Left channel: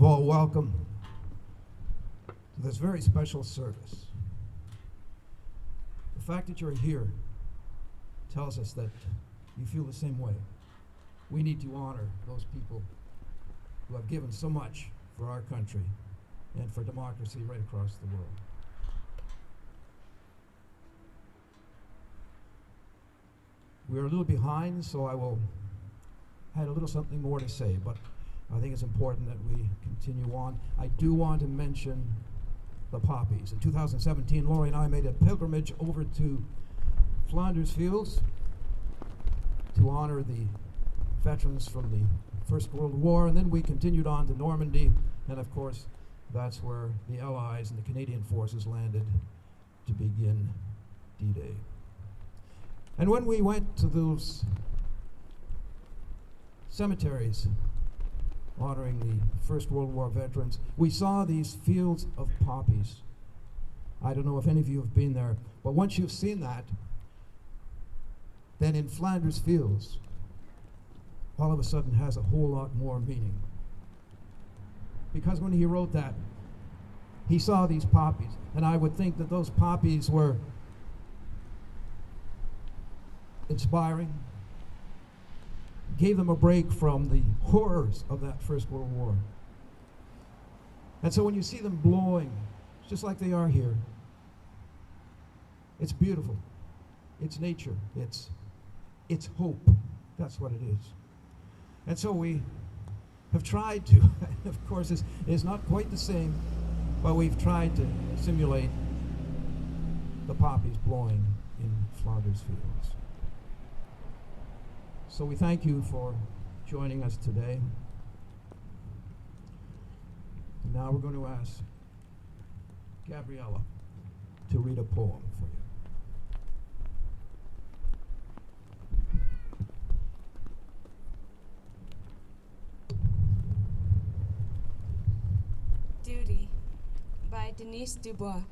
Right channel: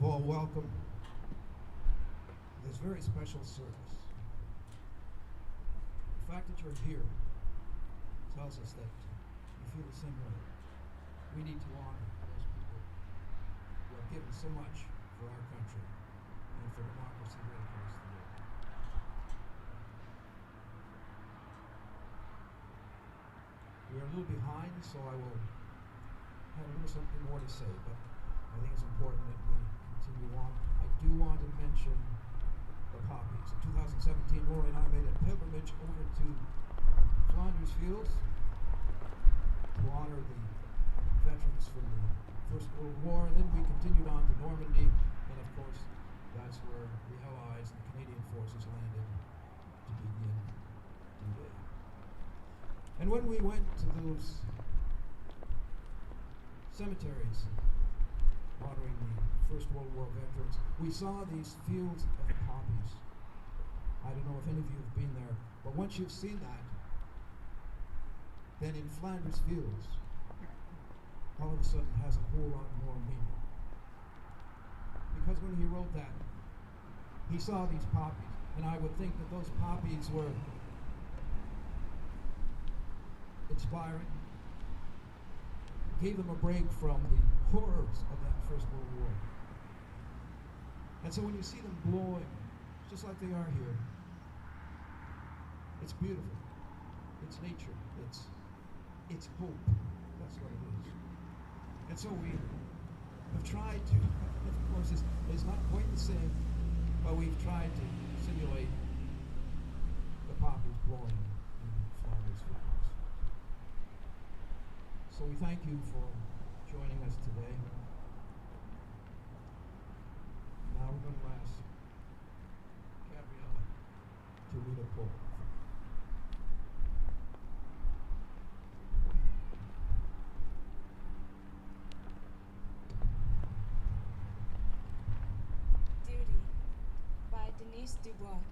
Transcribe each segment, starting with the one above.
of all, welcome to this very special service. The fact that you're here tells us that you feel the same way. We need to honor those people who have given so much for our country and for democracy right across the world. We're a little behind, so I will have a little something more to say, but I think it's important that we continue on. I do want to mention the poppies. In 2017, Laurie and I made a pilgrimage over to Flanders Fields to honor the veterans from the First World War, and then we continued on to Normandy, and of course, that's where the Allies and the Canadian forces landed to begin D-Day. And when we went to those cemeteries honoring the First World War veterans, we saw these fields of poppies. I don't know if any of you have been there, but once you've seen that, then in Flanders Fields, all of a sudden has a whole lot more meaning. Because when he wrote that, he saw these poppies, and I would think that those poppies were inspiring, gave them a break from the horrors of that First World War. And so when you see them blowing, just like they are here, it's beautiful. It's nature. It's hope. That's what it is. And so we have tried to, of course, it's not quite the same, but we've tried to simulate the poppies blowing in Flanders Fields. So we thank you for joining us today. And now we're going to ask Gabriela to read a poem for you. Duty by Denise Dubois.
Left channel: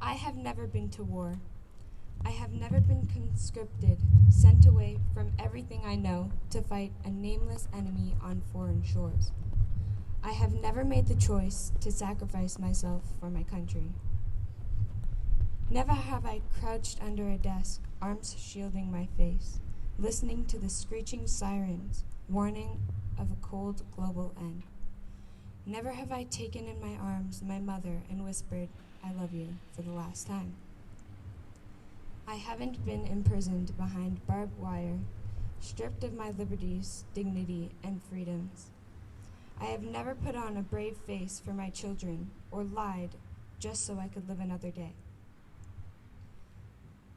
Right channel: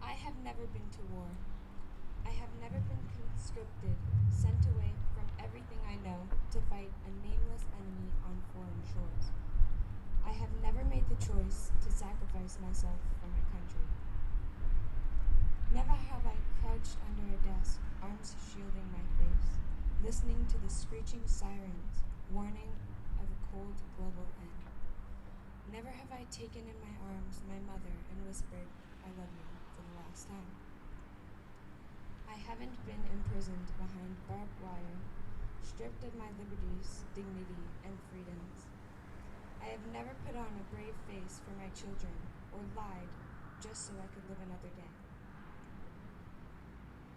I have never been to war. I have never been conscripted, sent away from everything I know to fight a nameless enemy on foreign shores. I have never made the choice to sacrifice myself for my country. Never have I crouched under a desk, arms shielding my face, listening to the screeching sirens, warning of a cold global end. Never have I taken in my arms my mother and whispered, "I love you," for the last time. I haven't been imprisoned behind barbed wire, stripped of my liberties, dignity, and freedoms. I have never put on a brave face for my children or lied just so I could live another day.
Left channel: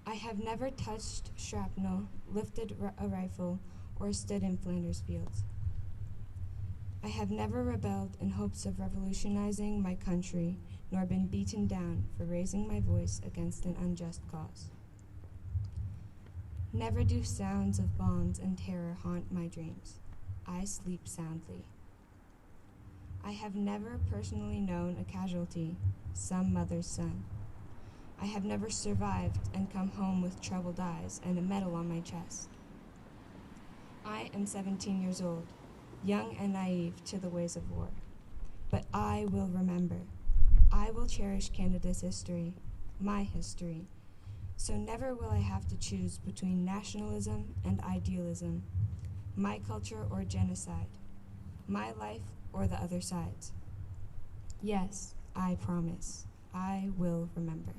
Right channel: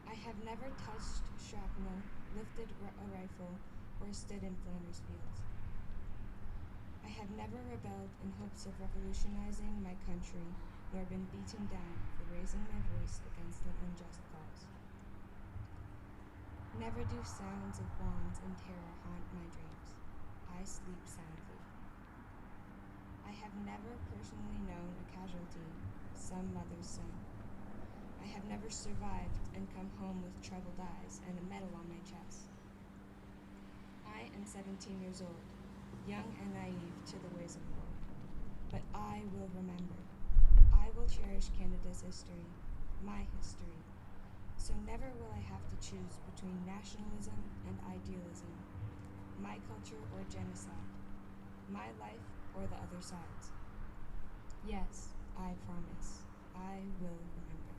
I have never touched shrapnel, lifted a rifle, or stood in Flanders Fields. I have never rebelled in hopes of revolutionizing my country, nor been beaten down for raising my voice against an unjust cause. Never do sounds of bombs and terror haunt my dreams. I sleep soundly. I have never personally known a casualty, some mother's son. I have never survived and come home with troubled eyes and a medal on my chest. I am 17 years old, young and naive to the ways of war. But I will remember. I will cherish Canada's history, my history. So never will I have to choose between nationalism and idealism, my culture or genocide, my life or the other side's. Yes, I promise, I will remember.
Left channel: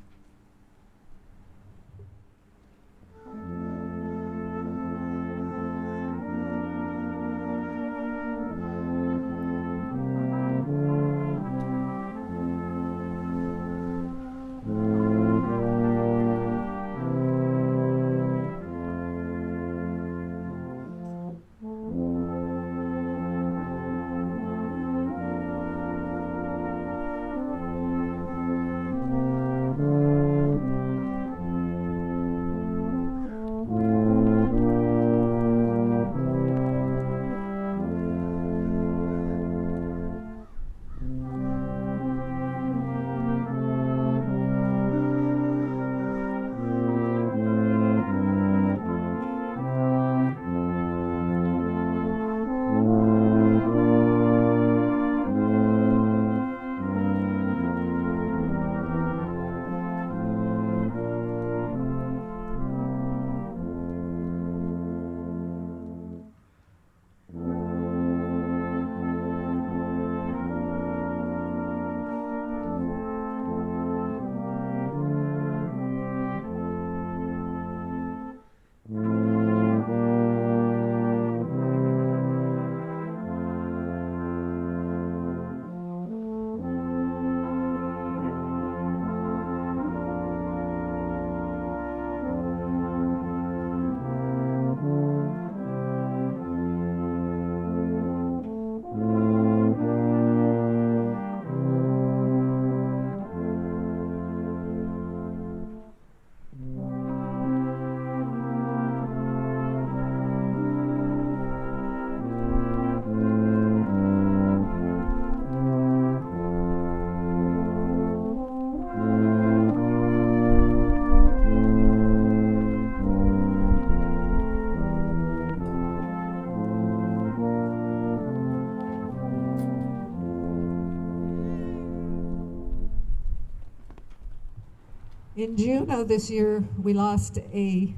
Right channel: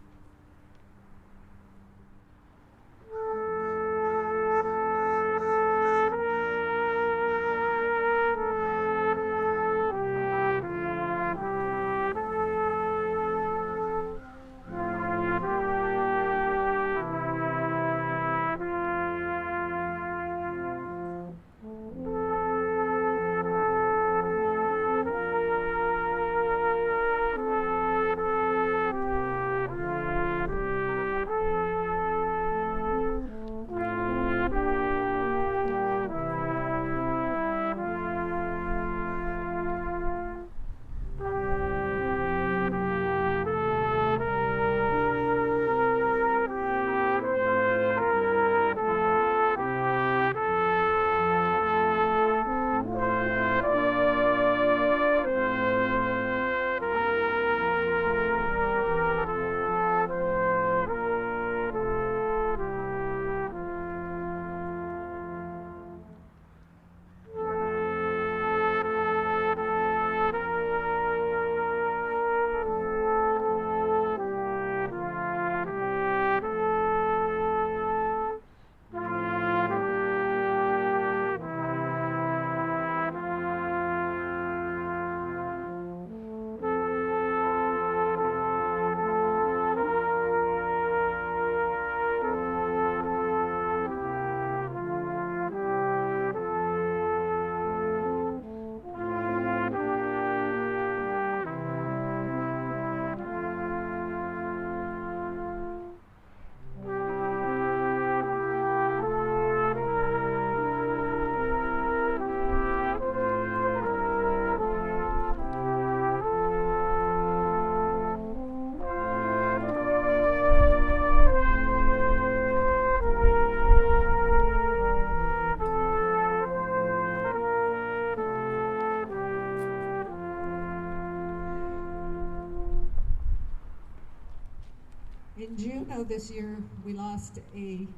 In June of this year, we lost a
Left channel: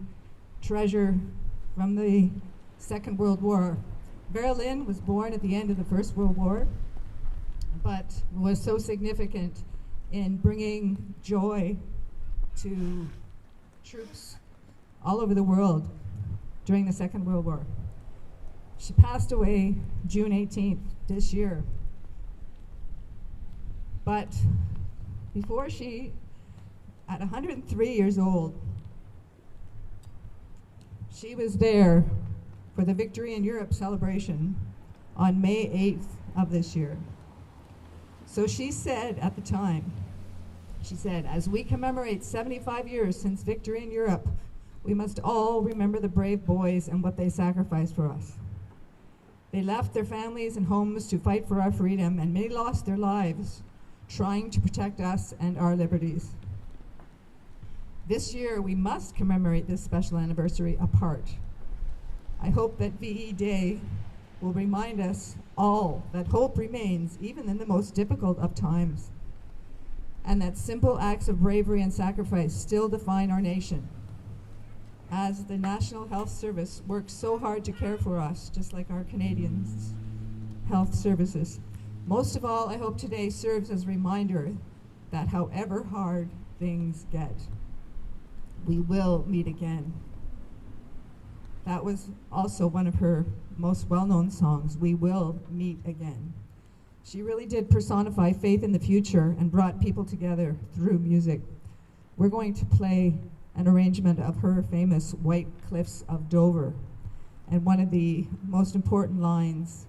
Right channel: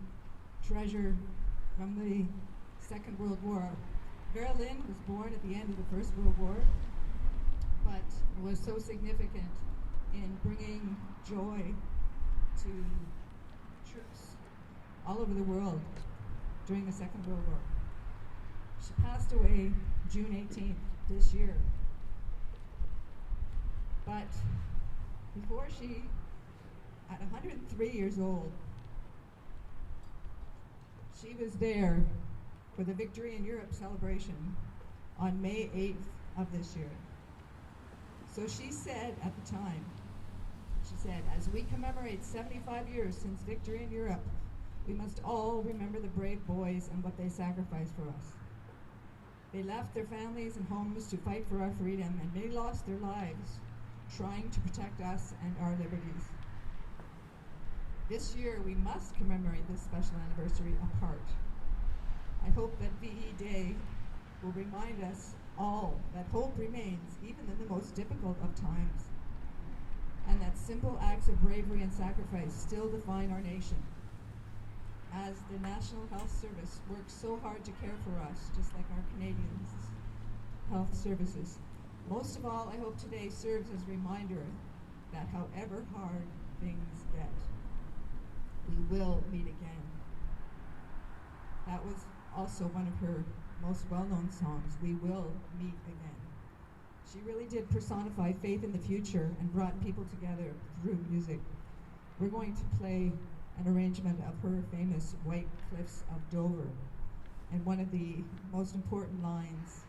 treasure from the Second World War. Berlin was born at the end of the First World War, but was so significant in bringing joy to troops all over the world during the Second World War. She passed away June 18th this year. But before she, at 103 years old, she was there for the Victory in Europe celebration on May 8th of this year. So she said at the time, she said, as we commemorate 75 years since Victory in Europe, we must all remember the brave boys and what they sacrificed for us. They left their families and homes to fight for our freedom, and many lost their lives trying to protect us and our liberties. This year, we must commemorate this special anniversary apart. I hope that VE Day will remind us all that hope remains even in the most difficult of times, and that simple acts of bravery and sacrifice still define our nation. As the National Health Service works so hard to care for us, just like our Canadians' health services. Most of all, I hope today serves as a reminder that however hard things get, we will meet again. That was also one of her most well-known songs, We Will Meet Again. She really did personify faith in the future and brought people together through music. We're going to play an arrangement of her famous White Cliffs of Dover. And one of the most important lines,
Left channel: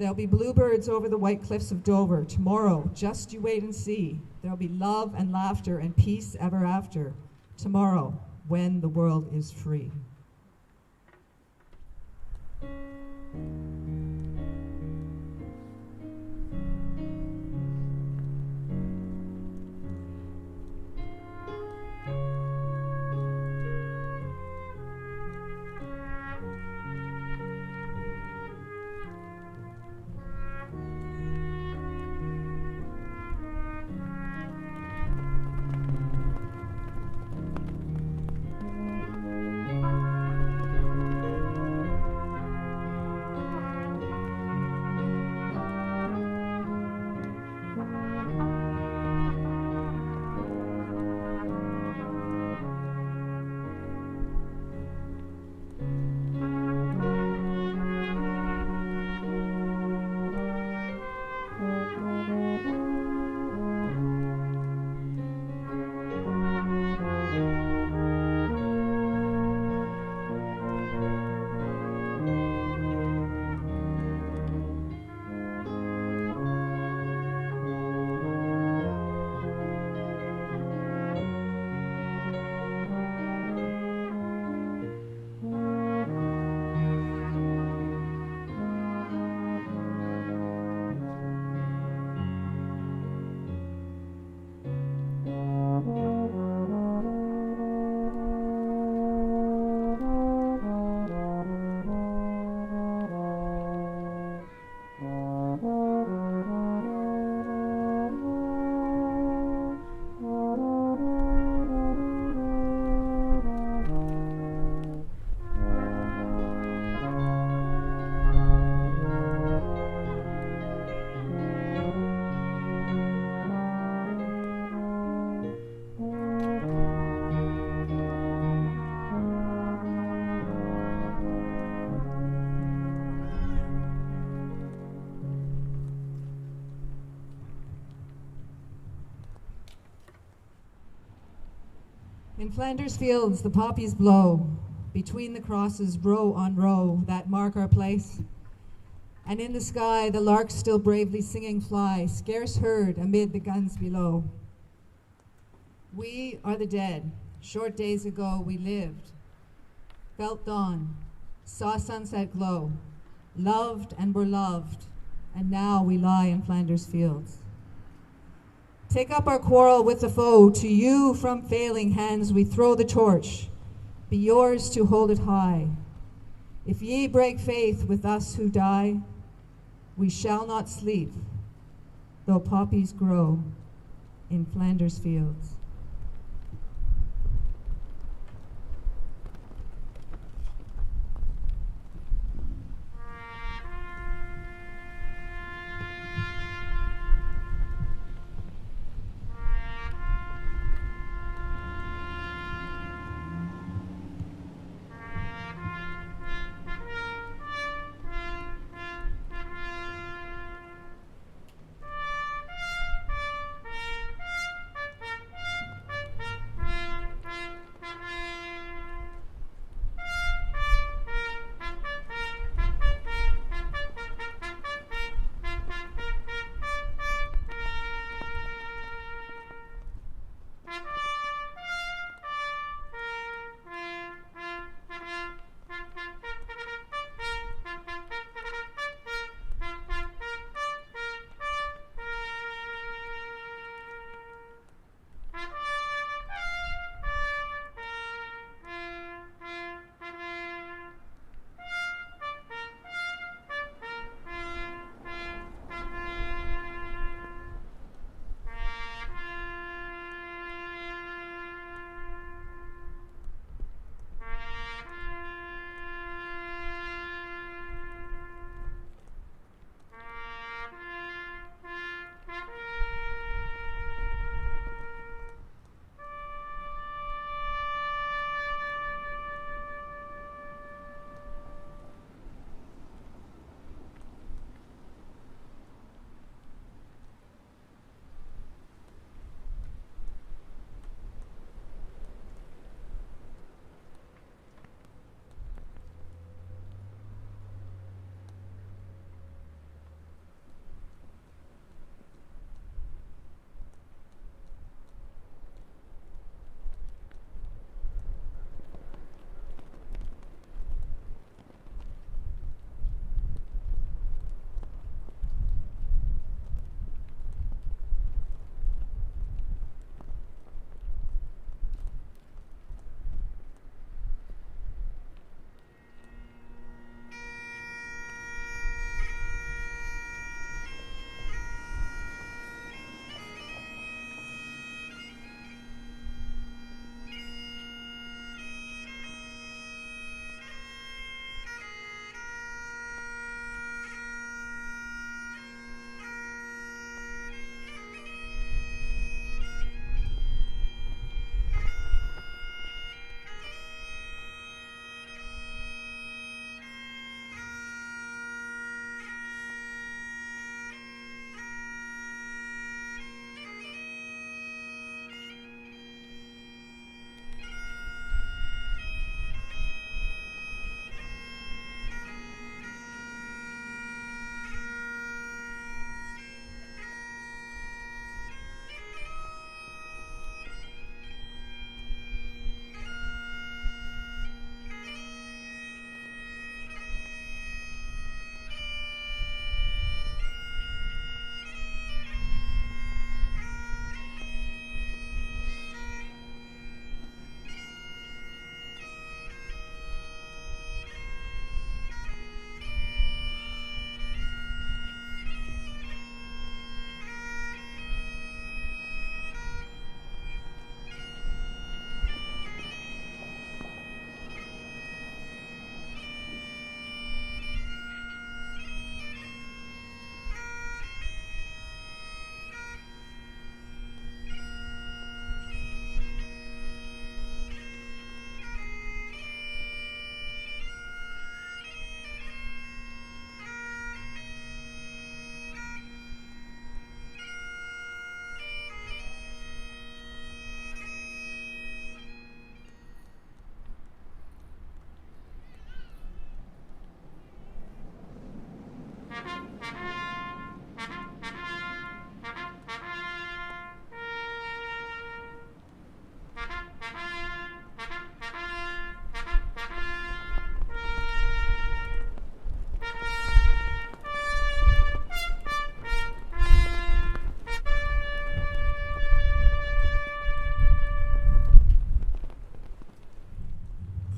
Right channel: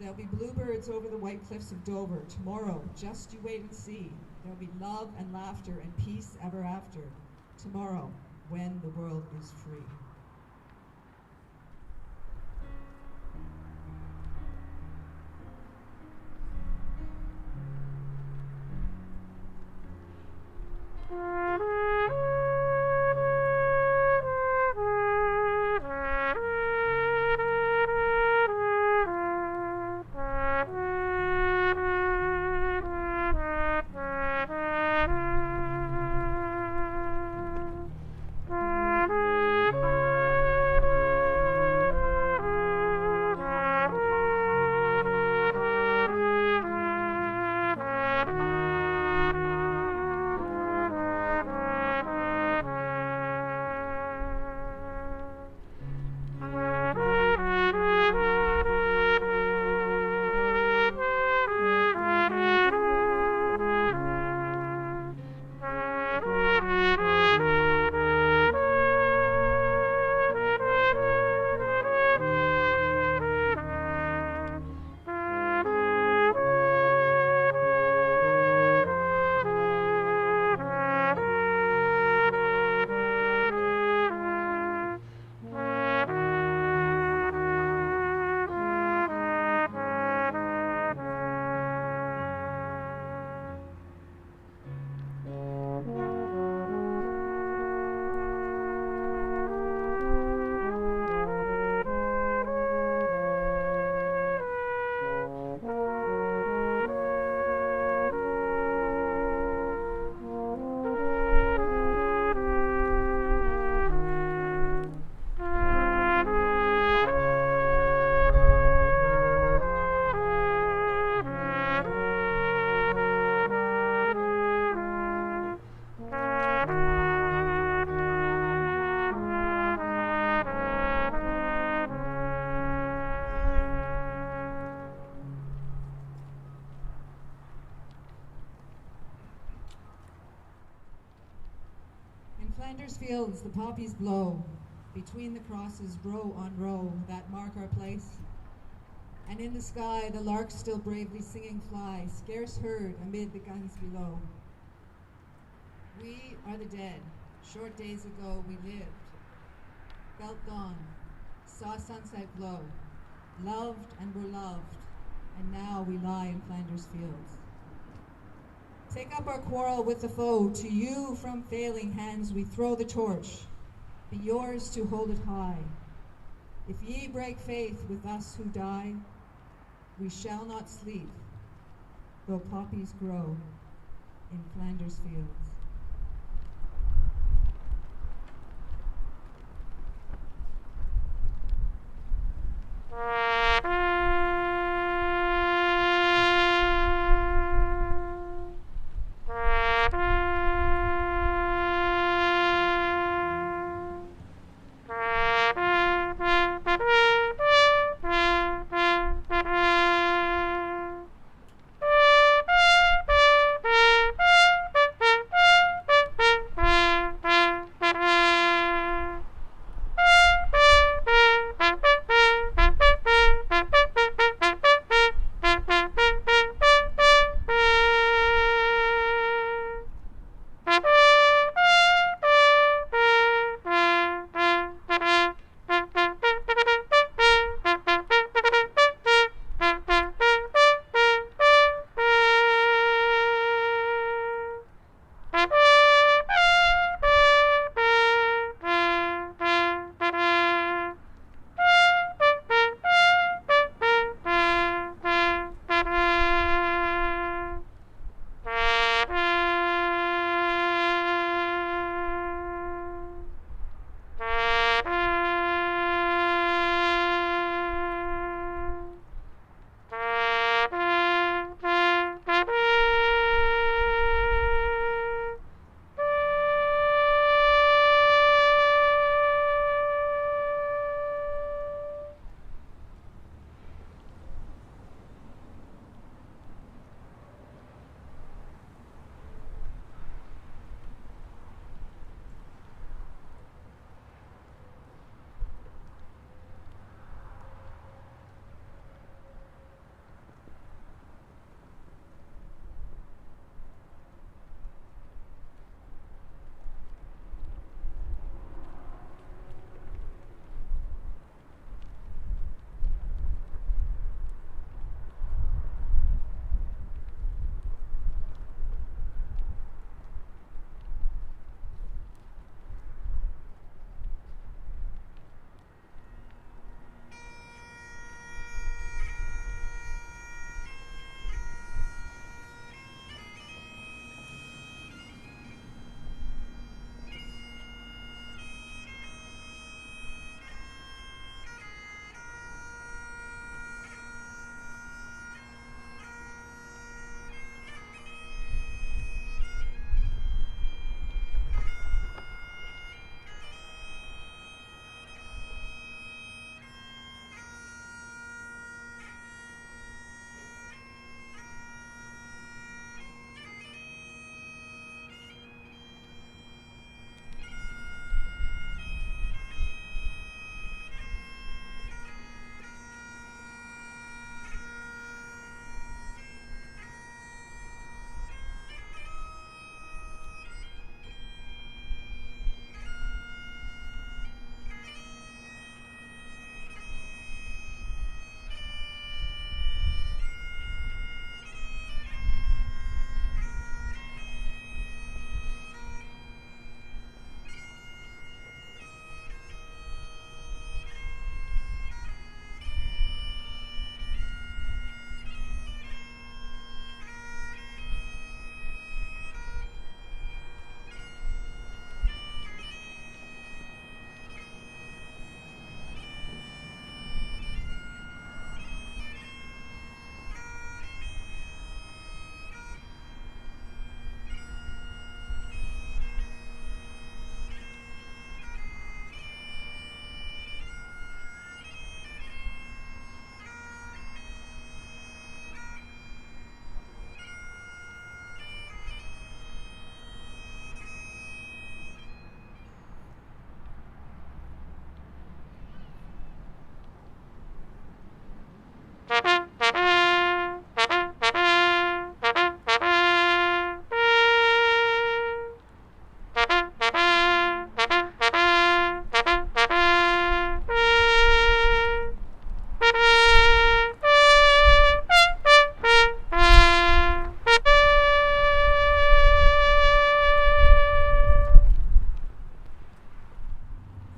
there'll be bluebirds over the white cliffs of Dover. Tomorrow, just you wait and see. There'll be love and laughter and peace ever after. Tomorrow, when the world is free. In Flanders Fields, the poppies blow, between the crosses, row on row, that mark our place. And in the sky, the larks still bravely singing fly, scarce heard amid the guns below. We are the dead. Short days ago we lived, felt dawn, saw sunset glow, loved and were loved, and now we lie in Flanders Fields. Take up our quarrel with the foe. To you from failing hands we throw the torch. Be yours to hold it high. If ye break faith with us who die, we shall not sleep, though poppies grow in Flanders Fields.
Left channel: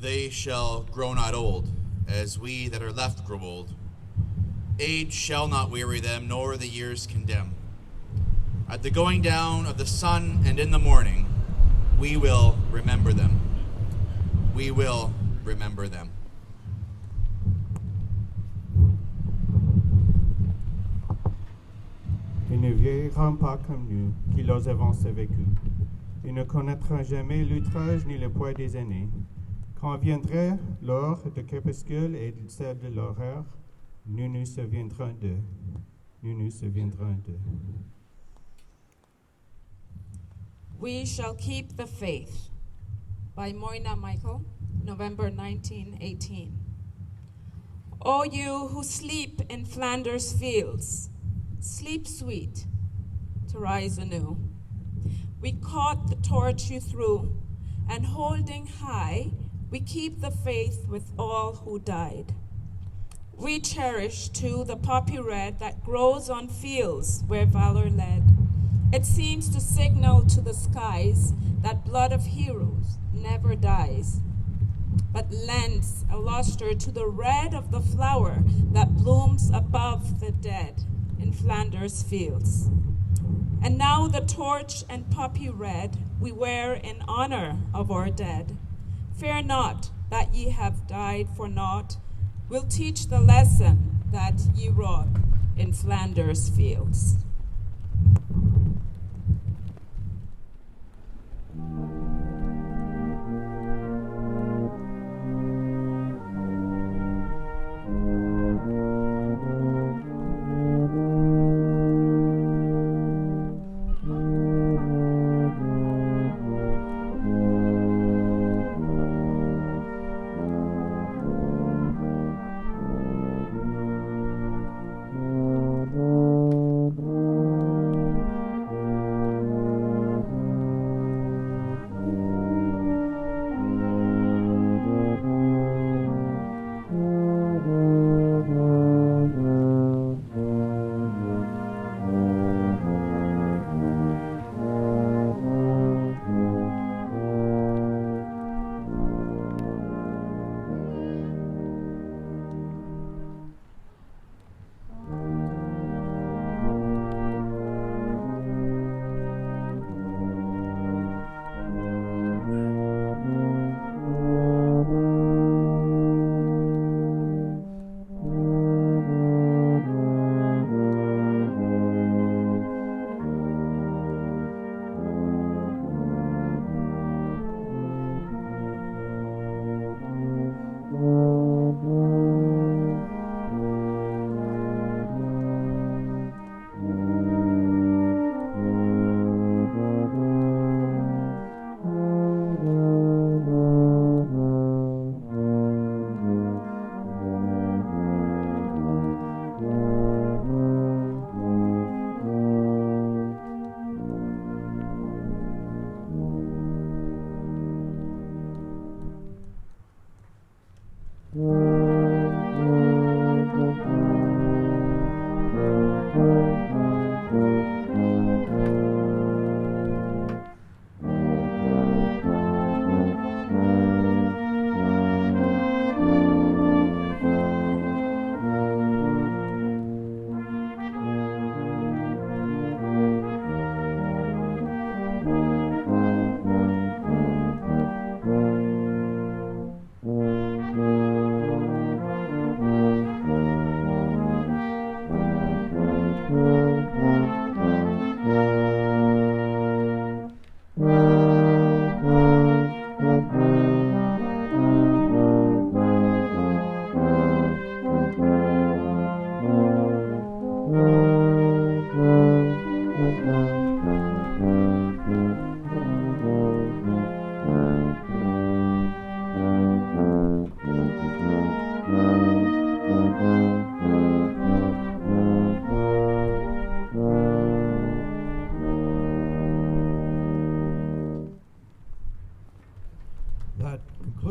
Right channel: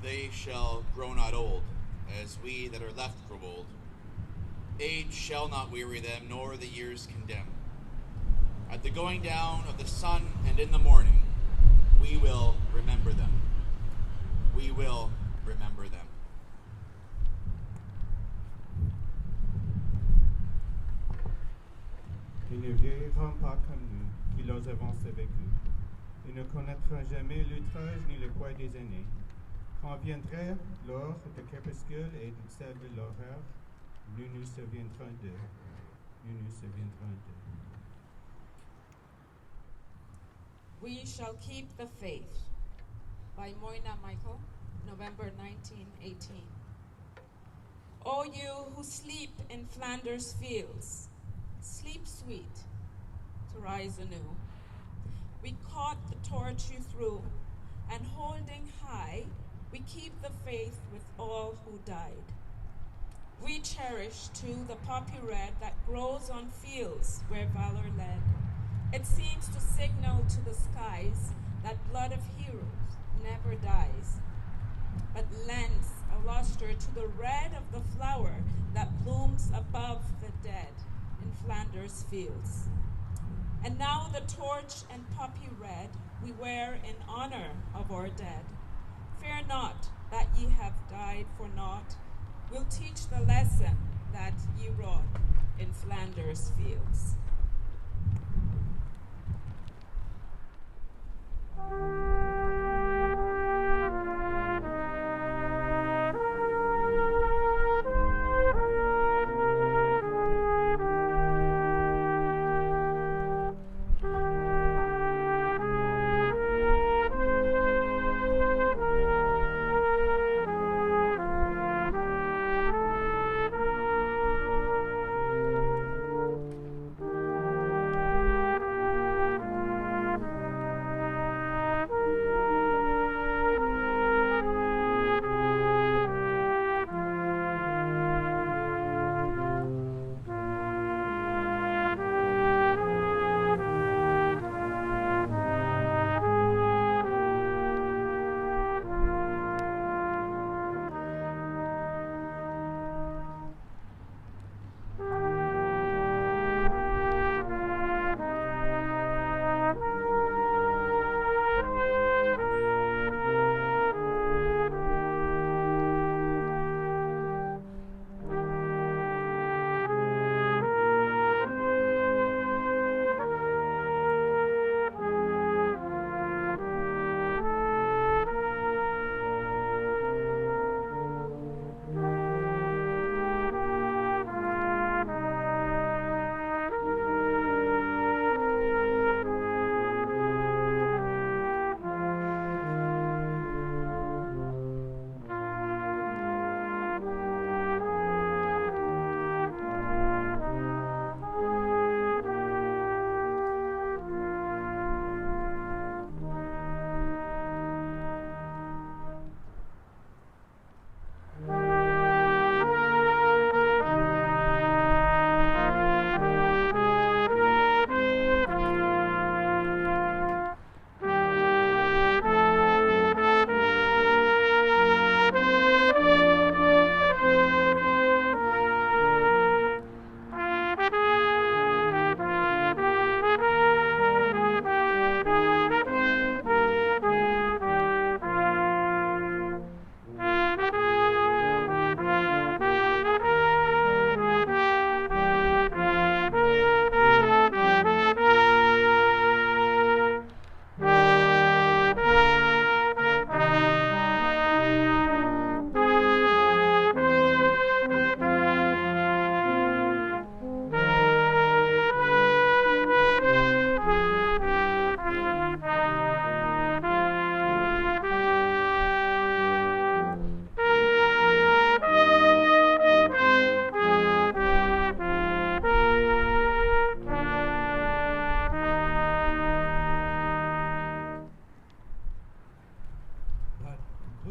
they shall grow not old, as we that are left grow old. Age shall not weary them, nor the years condemn. At the going down of the sun and in the morning, we will remember them. We will remember them. Ils ne vieilliront pas comme nous, qui leur avons vécu. Ils ne connaîtront jamais l'outrage ni le poids des années. Quand viendra l'heure de crépuscule et celle de l'horreur, nous nous souviendrons d'eux. Nous nous souviendrons d'eux. We Shall Keep the Faith by Moina Michael, November 1918. O you who sleep in Flanders Fields, sleep sweet to rise anew. We caught the torch you threw, and holding high, we keep the faith with all who died. We cherish too the poppy red that grows on fields where valor led. It seems to signal to the skies that blood of heroes never dies, but lends a luster to the red of the flower that blooms above the dead in Flanders Fields. And now the torch and poppy red we wear in honor of our dead. Fear not that ye have died for naught. We'll teach the lesson that ye wrought in Flanders Fields.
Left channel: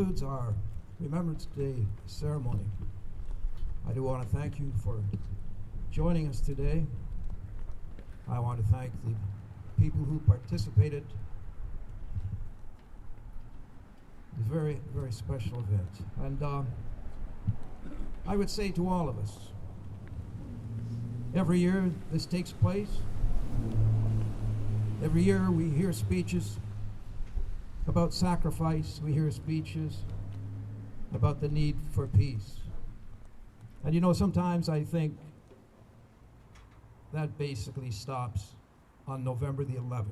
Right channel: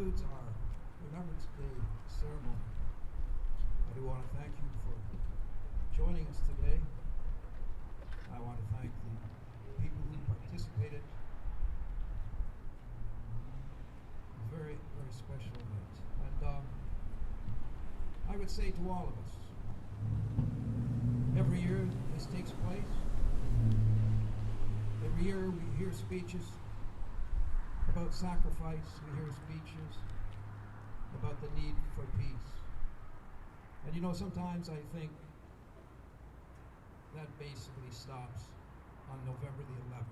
concludes our Remembrance Day Ceremony. I do want to thank you for joining us today. I want to thank the people who participated. The very, very special event. And I would say to all of us, every year this takes place. Every year we hear speeches about sacrifice. We hear speeches about the need for peace. And you know, sometimes I think that basically stops on November the 11th.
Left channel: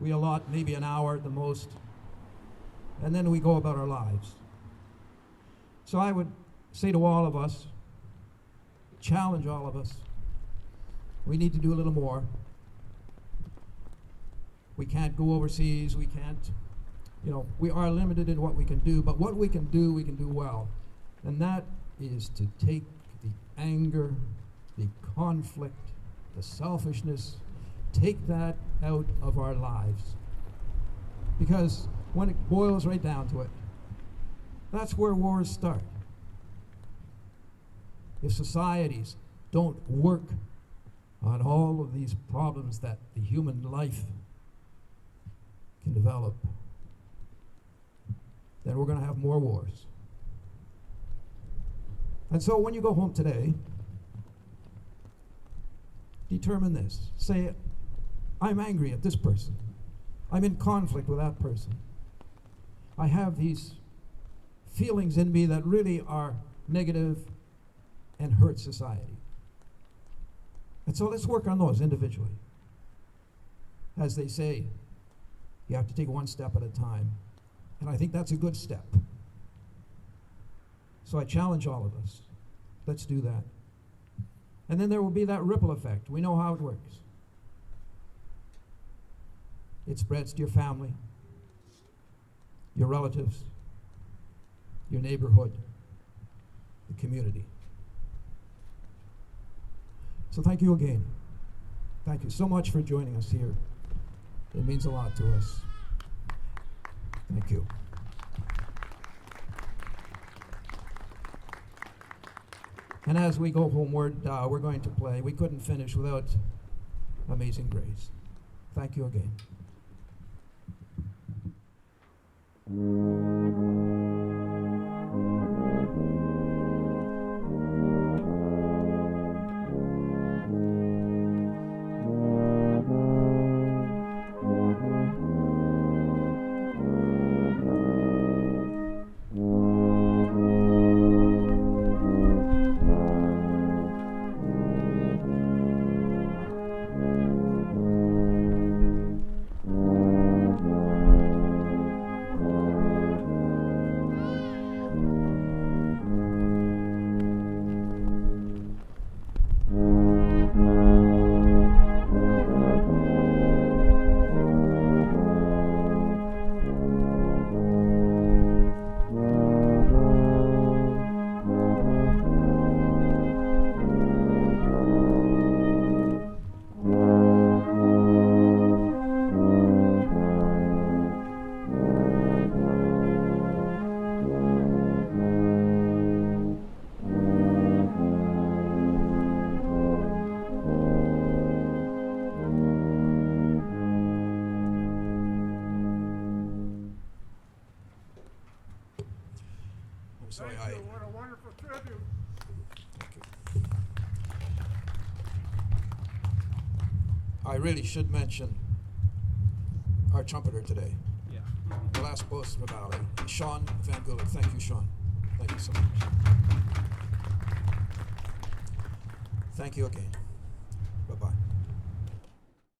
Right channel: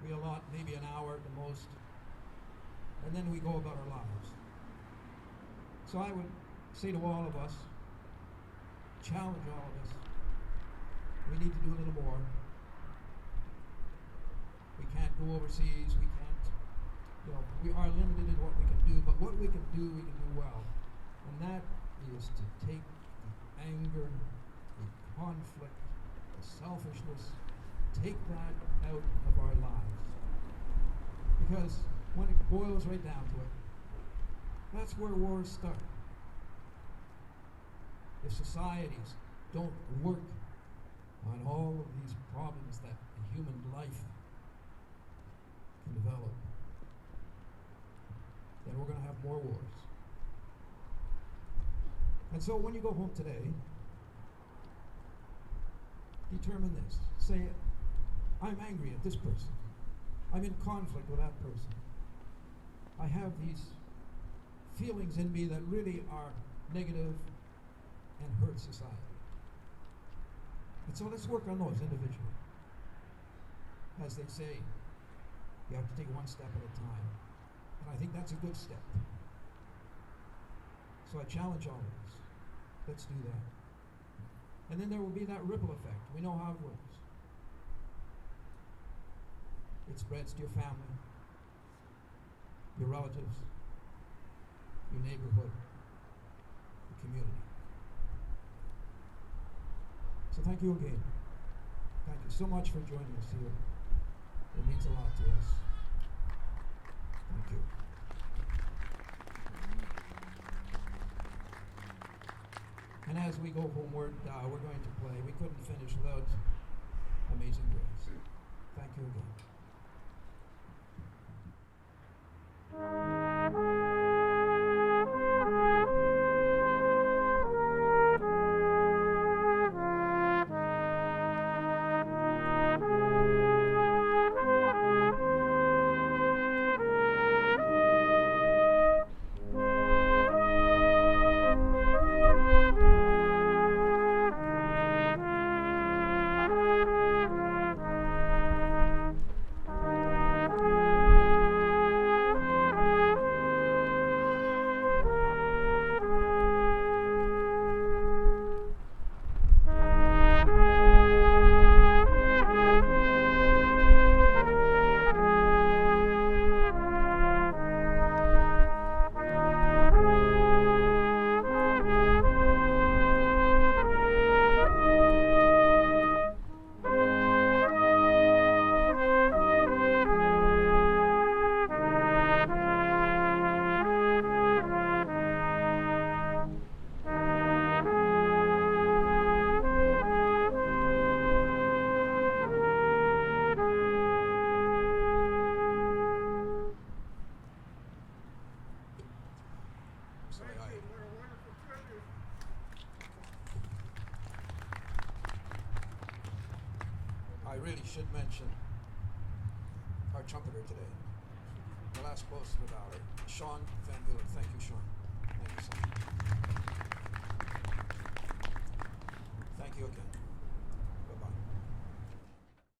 We allot maybe an hour at the most, and then we go about our lives. So I would say to all of us, challenge all of us, we need to do a little more. We can't go overseas, we can't, we are limited in what we can do, but what we can do well. And that is to take the anger, the conflict, the selfishness, take that out of our lives. Because when it boils right down to it, that's where wars start. If societies don't work on all of these problems that the human life can develop, then we're going to have more wars. And so when you go home today, determine this. Say, I'm angry at this person. I'm in conflict with that person. I have these feelings in me that really are negative and hurt society. And so let's work on those individually. As they say, you have to take one step at a time. And I think that's a good step. So I challenge all of us. Let's do that. And then there will be that ripple effect. We know how it works. It spreads to your family, your relatives, your neighborhood, the community. So thank you again. Thank you so much for joining us here. It means a lot to us. Thank you. And as we go homeward, we're going to play. We couldn't finish without Amazing Grace. Thank you again. I really should mention our trumpeter today. Yeah. The last post was Valley. Sean Van Gullen. Thank you, Sean. Thank you so much. Thank you again.